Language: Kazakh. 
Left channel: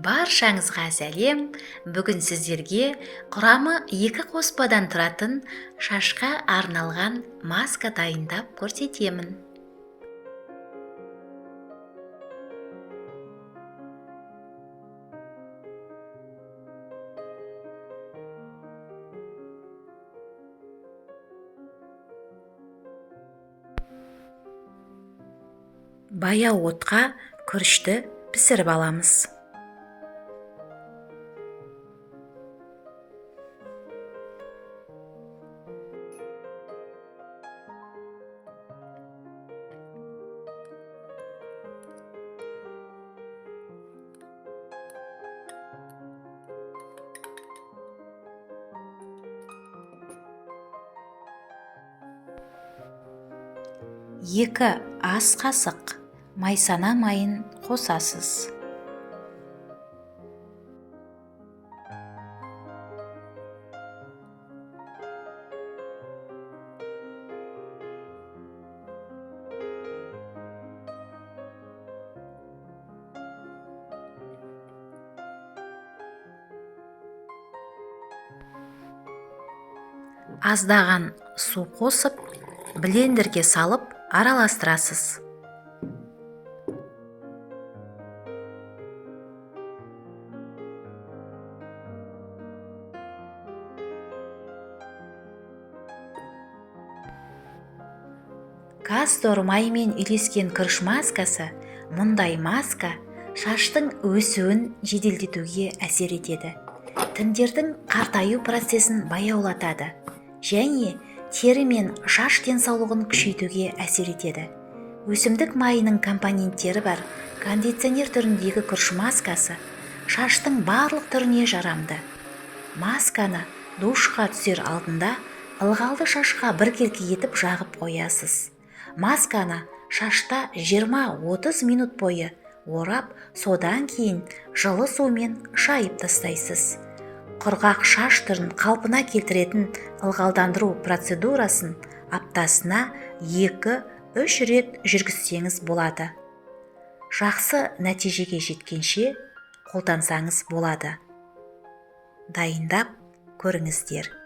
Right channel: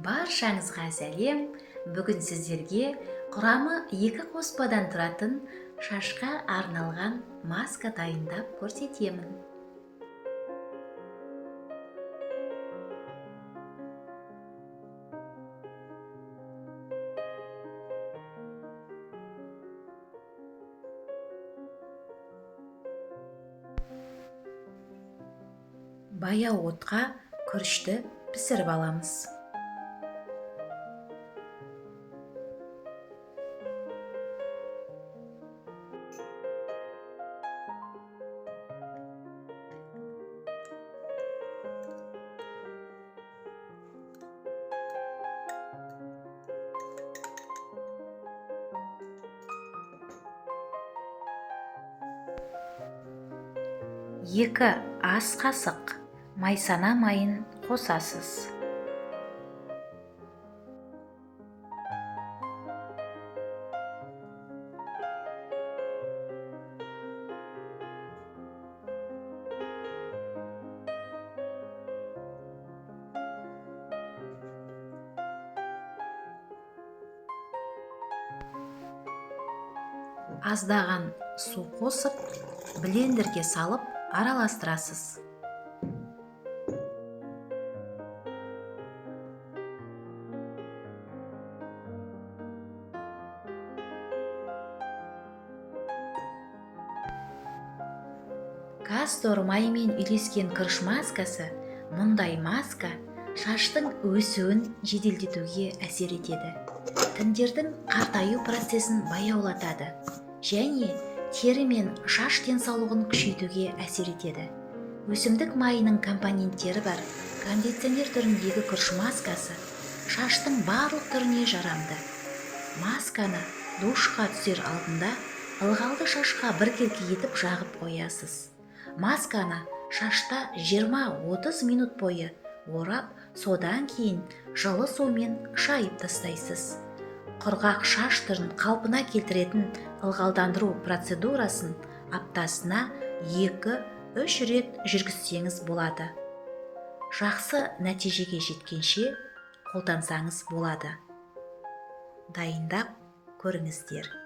Баршаңызға сәлем. Бүгін сіздерге құрамы 2 қоспадан тұратын шашқа арналған маска дайындап көрсетемін. Баяу отқа күрішті пісіріп аламыз. Екі ас қасық майсана майын қосасыз. Аздаған су қосып, блендерге салып араластырасыз. Кастор майымен үйлескен күріш маскасы, мұндай маска шаштың өсуін жеделдетуге әсер етеді. Тіндердің қартаю процесін баяулатады және тері мен шаш денсаулығын күшейтуге әсер етеді. Өсімдік майының компоненттері бар кондиционер түріндегі күріш маскасы шаштың барлық түріне жарамды. Масканы душқа түсер алдында ылғалды шашқа біркелкі етіп жағып қоясыз. Масканы шашта 20-30 минут бойы орап, содан кейін жылы сумен шайып тастайсыз. Құрғақ шаш түрін қалпына келтіретін ылғалдандыру процедурасын аптасына 2-3 рет жүргізсеңіз болады. Жақсы нәтижеге жеткенше қолдансаңыз болады. Дайындап көріңіздер.